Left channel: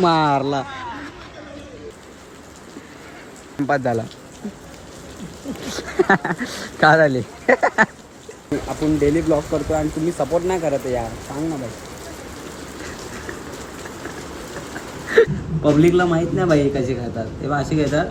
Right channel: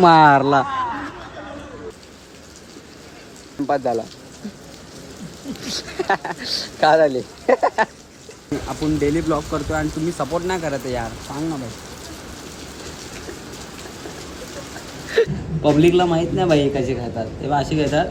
मारला झाला का झाली आपण डेली ब्लॉग करतोय आणि तुम्ही सपोर्ट नाही करत यार, सांग ना भाई. पब्लिकला माहित नाही भाई कशी खातात, तेव्हा अशी घेतात.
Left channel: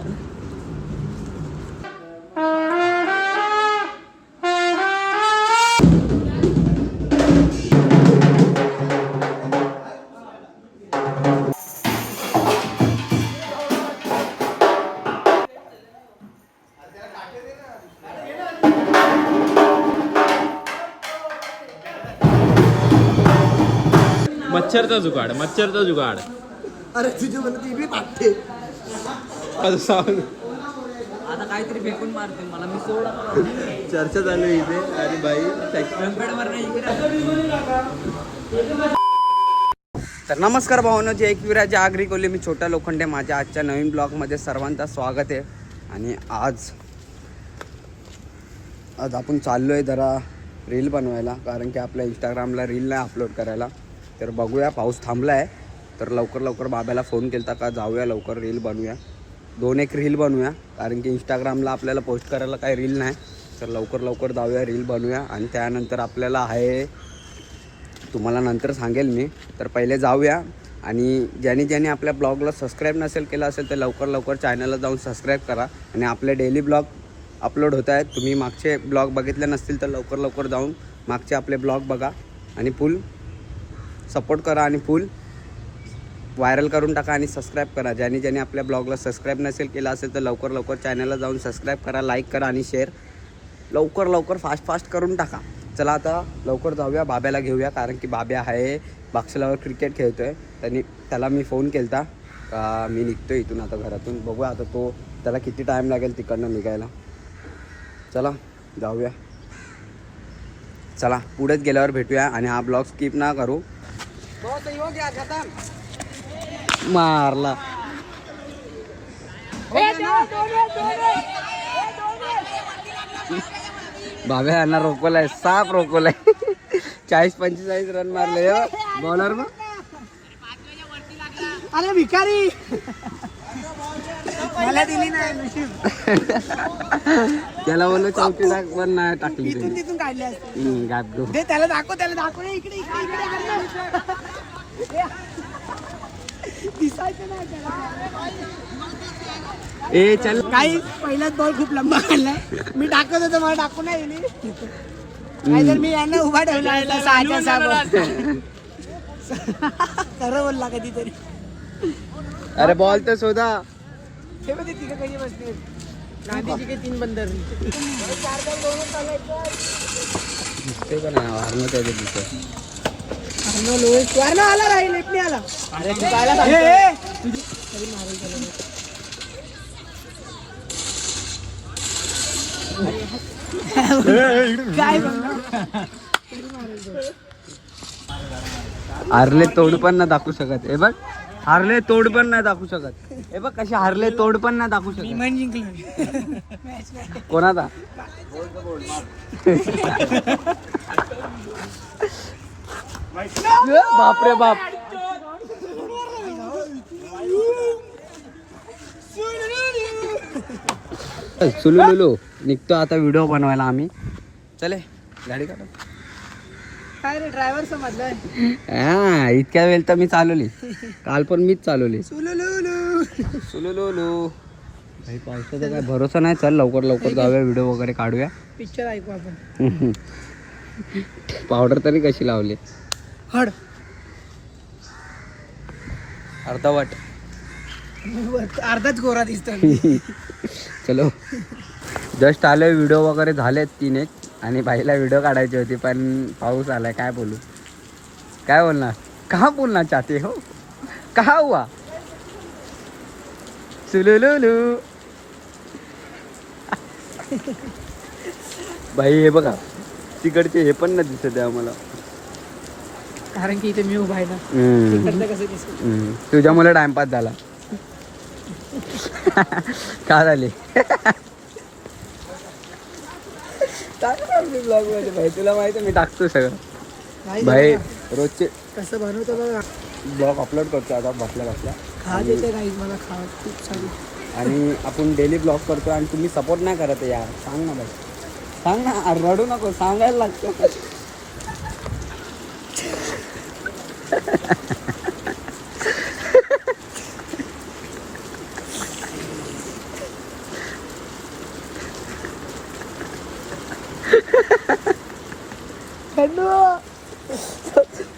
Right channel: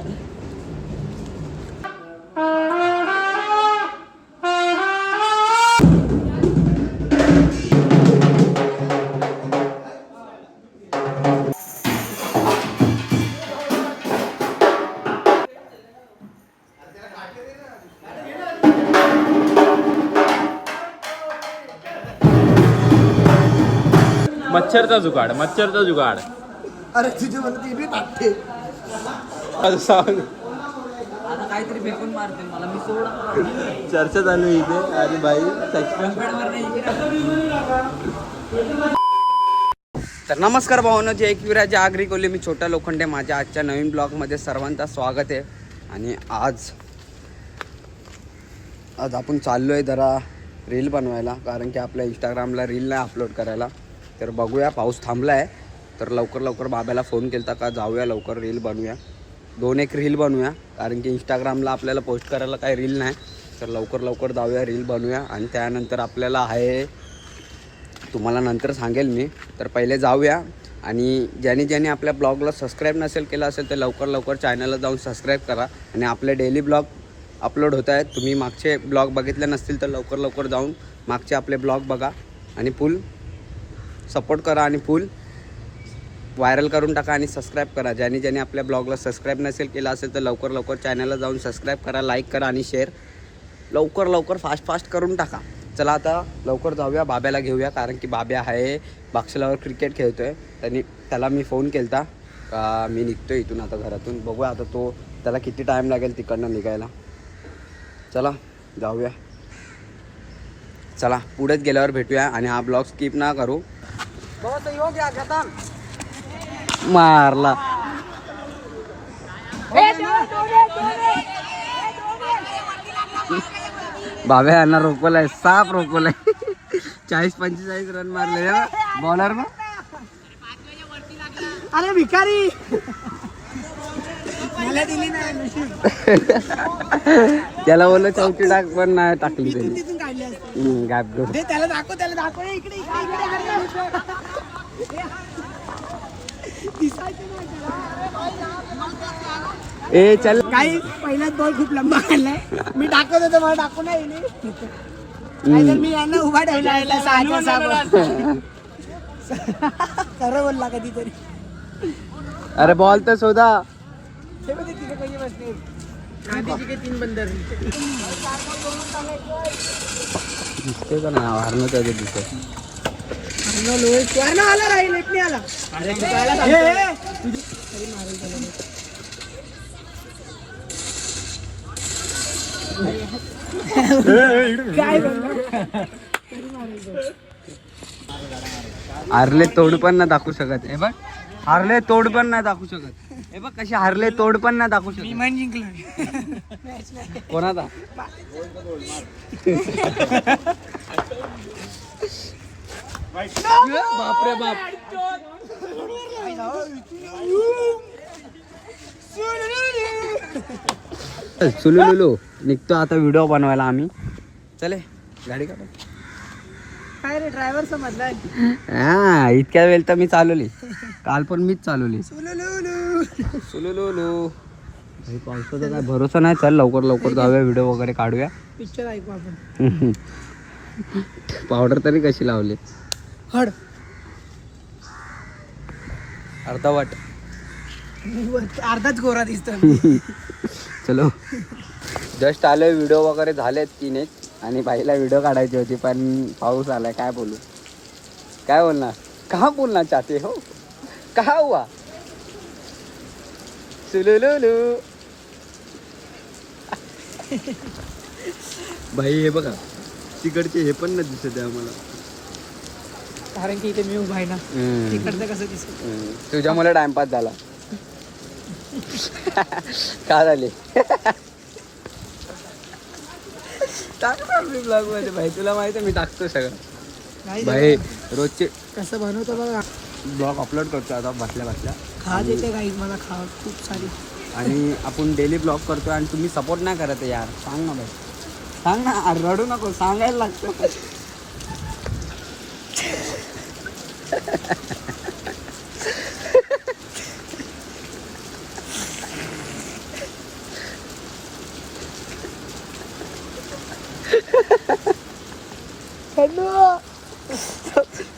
मच्छरचा जुगाड, मच्छरचा जुगाड. अरे तुझे म्हणते ती बी टाकते. सांग आता काहीतरी फेकून मारते मला, मी सोड. चर्चा चालू आहे इथे आणि बाई तर नमस्कार भावना, जे एकविराजी आगरी कोल्हे, मी छोटा लोखंडे. माझ्या आजच्या नवीन ब्लॉगमध्ये सर्वांचं स्वागत आहे. आणि आज आपण चाललो आहे जरा रील बनवायला, कारण की आपल्या इंस्टाग्रामला रील नाही अपलोड करायला. तर बघूया, पाऊस थांबला आहे तर लवकर बाब्याला फोन केला का जाऊया लवकर रील बनवूया, 2-1 रील बनवूया. कारण की इंस्टाग्रामला आपल्याला पोस्ट करायला काही रील नाही, तर लवकर जाऊया रील बनवूया. आणि त्यानंतर आपल्याला आहे, तुम्हाला नंतर सांगेल मी. तर पहिले जाऊया. आणि ज्याने आपल्या ब्लॉगला सबस्क्राईब नसेल केलं असेल तर लवकर चॅनलला जाऊन सबस्क्राईब करा. आणि आपले डेली ब्लॉग अपलोड होत आहेत. तुम्ही मागचे ब्लॉग बघितले नसतील तर लवकर जाऊन मागचे आपले ब्लॉग बघा आणि फुल सपोर्ट करा आणि फुल व्हायरल करून टाका आणि सबस्क्राईब करा. ज्याने आपल्या ब्लॉगला सबस्क्राईब नसेल केलं असेल तर लवकर चॅनलला जाऊन सबस्क्राईब करा, लाईक करा आणि शेअर लवकर फास्ट करून टाका. चला आता लवकर जाऊया, बाब्याला घेऊया. कारण की बाब्या आहे बाक्षलावर क्रिकेट खेळतो आहे. त्याला मी फोन केला का मी निघतो इथून आता घरातून. बघूया आता त्याला किती टाईम लागेल तिकडनं निघायला. चला जाऊया, चला पुढेच गेल्यावर भेटूया. आणि हा ब्लॉग स्किप ना करू. मारला बाबा यांना रोकवलाय, साप रोकवलाय. 40-45 रन मारले बॉलर ना. अरे भिकारी मला दिली नाही. त्याला बोललो चौकी टाक पण नाही टाकली त्याने. त्याला दाखव इकडे ए चल. काही पहिलाच बॉल खूप लंबा काढलाय, मी टाकत होतो मला टाकू नाही तर मी यांना उभा ठेवला. खरं बोलला कधीतरी. अरे बॉल तर शोधा. हे बघ तिथे कधी बसतील गांधीजी के 3 बंदर. दिसते का नाही हारणं त्याच्या दिसत. आला राहील इकडे आला. हारले तोड पण नाही दाखवू शकत. हे बघ, हारले तोड पण नाही दाखवू शकत. हे बघ कसे हारले तोड पण नाही दाखवू शकत. मन जिंकलो कोणाचा बापरे बाप. सुलू निघतो आता व्हिडिओ बनवायला आम्ही. चले गाडी काढा. काय रे ड्रायव्हर समजलाय. हा इतक्या वेळ तर मी चालवली, काल पण मीच चालवली. सुलू भाई पावसाचा काय भरोसा नाही. चल लवकर जाऊया, व्हिडिओ वगैरे काढूया. पिक्चर ऐकू आपण. पावडर तरी कशी लावली. हड अर्धवट अर्धाच गोरा दिसतो. चलो जस्ट आले, व्हिडिओ वगैरे झालेत 3-1. आणि बाईला व्हिडिओ काढायची होती पण पाऊस आलाय. काय बोलणार का बोलना चाहते हो, कहा हुआ सुलुलुलु. बाई हे बघा तिकडचे हे पण नाही दिसत आहे आम्हाला, कारण की इथे मी उभा आहे ना. तिकडचं कसं दिसत. तुझ्यामुळे टाइमपास झाला. का झाली टाकणार मी ब्लॉग मध्ये भाई, तुला माहिती आहे मी टाकतो सगळं भाई. रोजचे कसं बनवतो बघा. ब्लॉग अपलोड करतो आता बसल्या बसल्या. खा देते काही मला खावा खूप सारी. आणि आपण डेली ब्लॉग करतो आणि तुम्ही सपोर्ट नाही करत यार. सांग ना भाई, सांग ना. अरे रडू नको, सांगायला लागतं.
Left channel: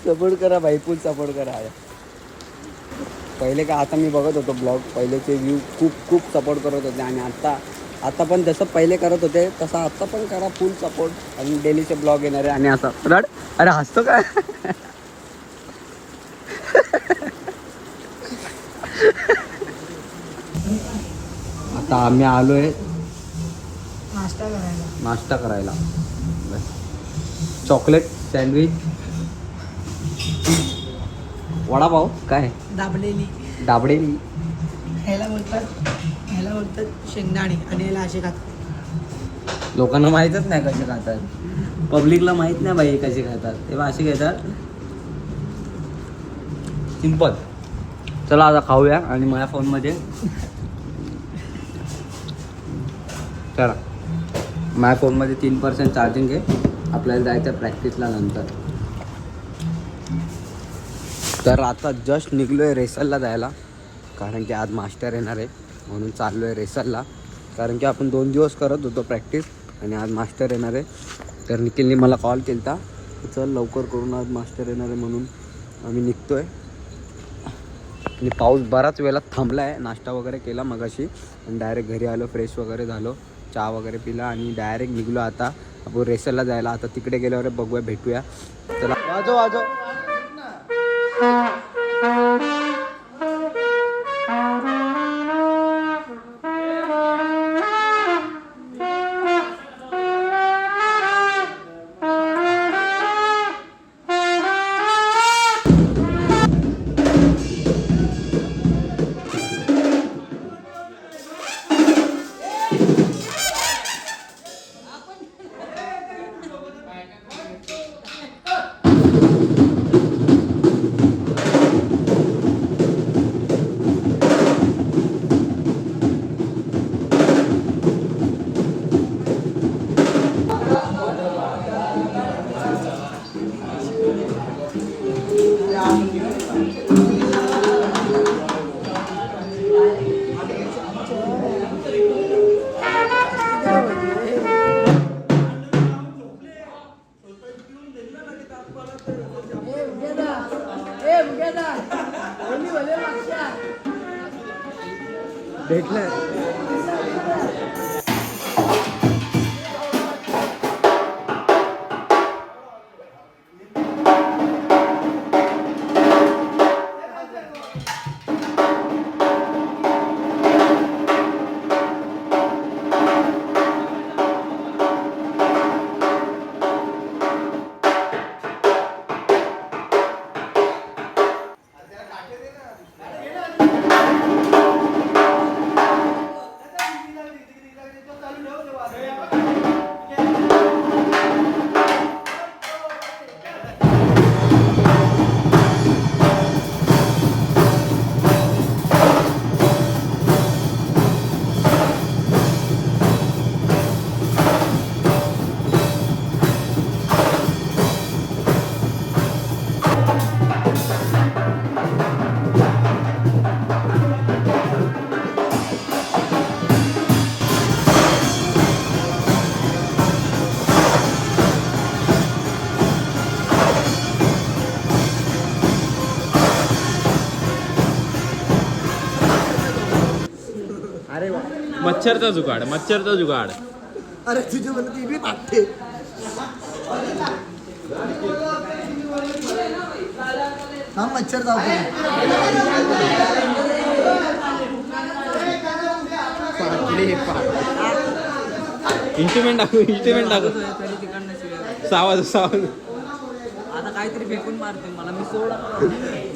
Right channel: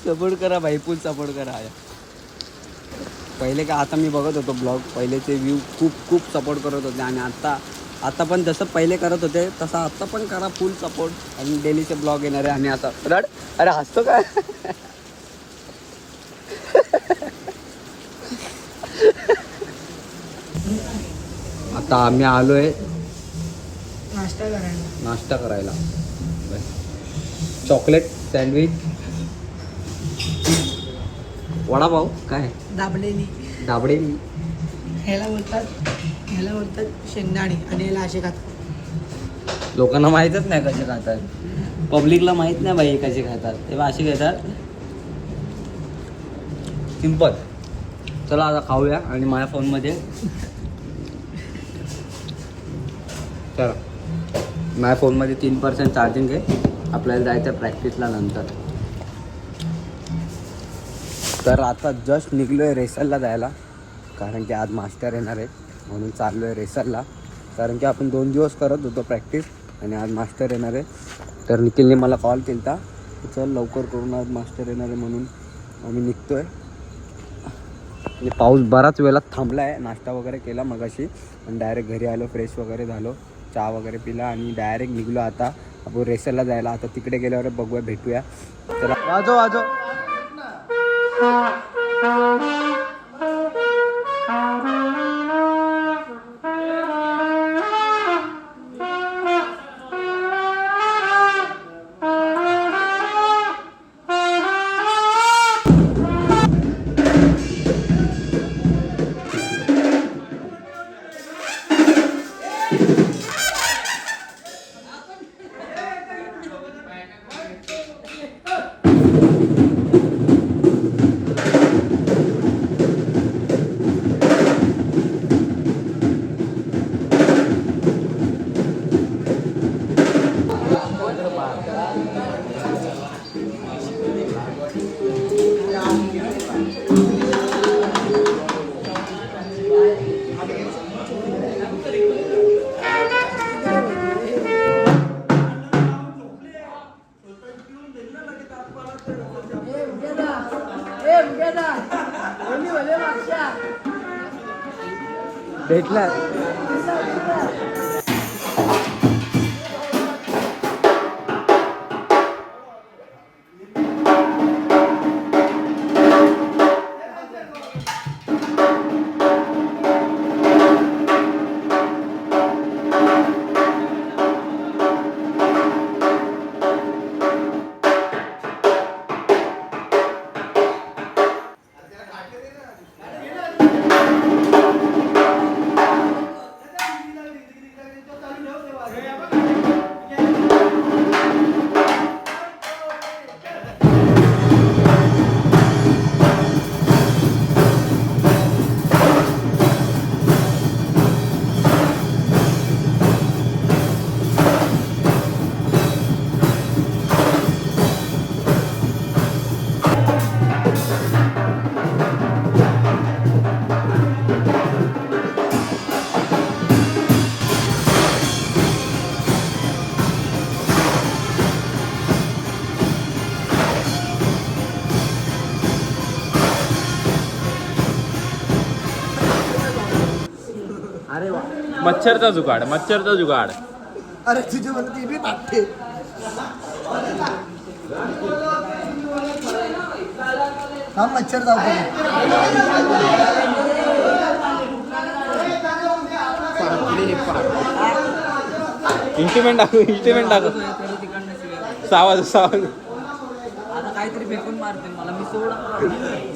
सपोर्ट करा भाई, फुल सपोर्ट करा. पहिले का आता मी बघत होतो ब्लॉग, पहिलेचे व्ह्यू खूप सपोर्ट करत होते. आणि आता पण जसं पहिले करत होते तसं आता पण करा फुल सपोर्ट. आणि डेलीचे ब्लॉग येणार आहे. आणि असं रड. अरे हसतो काय. आता आम्ही आलोय नाश्ता करायला. चॉकलेट सँडविच, वडापाव, काय दाबडेली ह्याला बोलतात शेंगदाणे आणि याला असे खातात. लोकांना माहीतच नाही कसे खातात. पब्लिकला माहित नाही बाई कसे खातात. तेव्हा असे घेतात सिंपल. चला आता खाऊया. आणि माझ्या फोनमध्ये चला माझ्या फोनमध्ये 3% चार्जिंग आहे. आपल्याला जायचं प्रॅक्टिसला नंतर. तर आता जस्ट निघलो आहे रेसलला जायला. कारण की आज मास्टर येणार आहे म्हणून चाललो आहे रेसलला. कारण की आपण 2 दिवस करत होतो प्रॅक्टिस आणि आज मास्टर येणार आहे. तर निखिलने मला कॉल केला होता, चल लवकर करून आज मास्टर येणार आहे म्हणून आम्ही निघतो आहे. आणि पाऊस बराच वेळात थांबला आहे. नाश्ता वगैरे केला मगाशी आणि डायरेक्ट घरी आलो, फ्रेश वगैरे झालो, चहा वगैरे पिला आणि डायरेक्ट निघलो आता आपण रेसलला जायला. आता तिकडे गेल्यावर बघूया, भेटूया. चला वाजव. भेटला. मच्छरचा जुगाड. अरे तुझे मला ती बी टाकते. हा मच्छर जाऊ इंस्ट्रुमेंट टाकू. सावध. आता काहीतरी फेकून मारते मला. मी सोड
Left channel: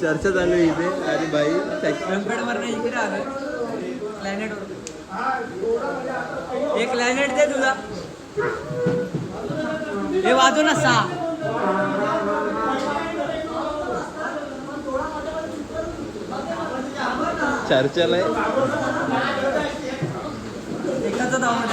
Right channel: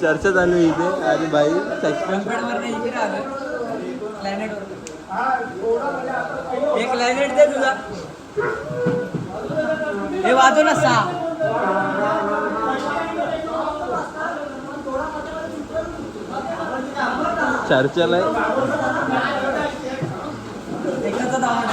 चर्चा चालू आहे इथे. अरे भाई एक लाईनेट दे तुला. हे वाजव ना 6. चर्चल आहे. एकाचा दावा